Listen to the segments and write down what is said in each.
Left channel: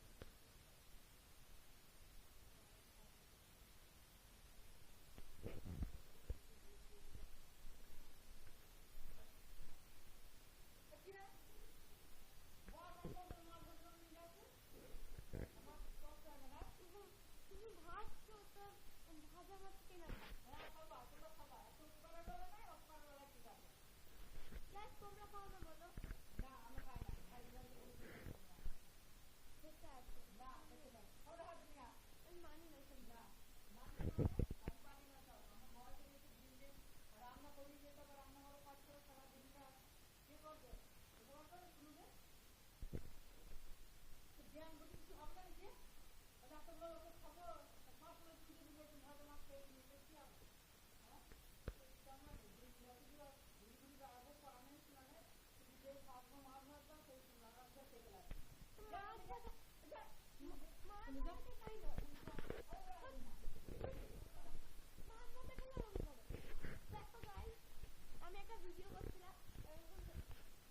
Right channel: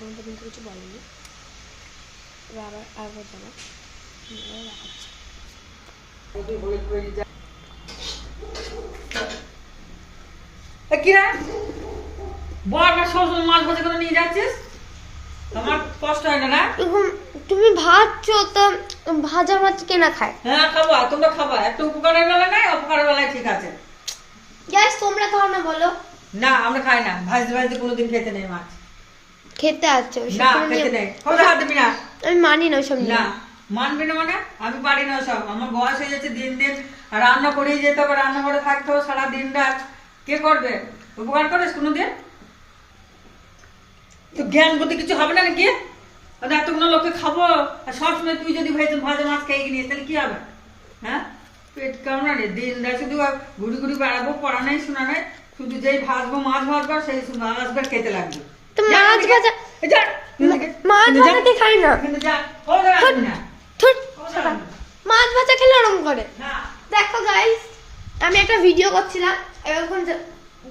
এখনো পর্যন্ত কিছু বলেনি, এবার আর বলবে না, দেখাচ্ছি। কি রে বারবার সবসময় মাছ ভাজা করে নিয়ে যাচ্ছিস, আমার কষ্ট হয় না না? তুমি ভাবছো তো ভাজা মাছ কেনা খায়? হ্যাঁ খাবা, তোমরা খাবা, একটা উপকারের বেলা নাই, অপকারের বেলায় ঠিক আছে। গ্যাস তোমরা খাও না বলো? না আমরা খাই না, ভাজতে ভাজতে কোনোদিন খেতে নেই মাছ। খেতে আছে না খেতে নেই, খবর হাত দিবি না। আমি মানি না ওসব না মানবি না মানে আমি পারি না সব, আমার বয়স হয়ে যাচ্ছে দিন দিন, আর রান্না করেই যেতে হবে, রান্না করে থাকতে হবে সারা দিন রাত। কে করবে? উপকার করিস কোনোদিন? তো জ্ঞান বুদ্ধি কিছু হবে না নাকি? আর এতগুলো লোকে খাবো আর সবসময় তুই যদি ভাজা মাছ খেয়ে গিয়ে তাহলে কি হবে? হ্যাঁ পেট কামড়া রে, দিন রাত শুধু ঘুরি ঘুরি বেড়াবো, পড়া নাই শোনা নাই, শুধু যেই ভাজবো মাছ ভাজবো সেই আসবে খেতে লাগবে। তো মাছ ভাজা, মাছ ভাজাতে খাই না। মাছ ভাজা খেলে ওরকম করে। দেখো গাইস, আমি একটা ভিডিও করছিলাম এখন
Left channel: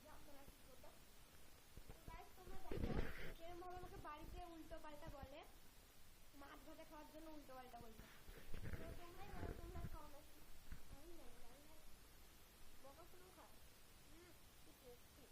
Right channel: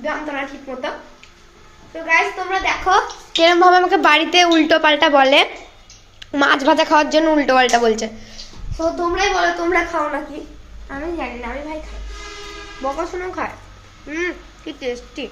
জানতো না ঠিক মতো। তো গাইস তোমরা দেখো কিরম ভাবে আমাকে বাড়িতে উল্টো পাল্টা বলে, মাছ ভাজা খাওয়ার জন্য উল্টো পাল্টা বলছে। তো তোমরাই বলো তোমরা খাও নাকি? আমি জানি না, আমি ভাই খাই, বকা শোনাও খায়। কি টেস্টি।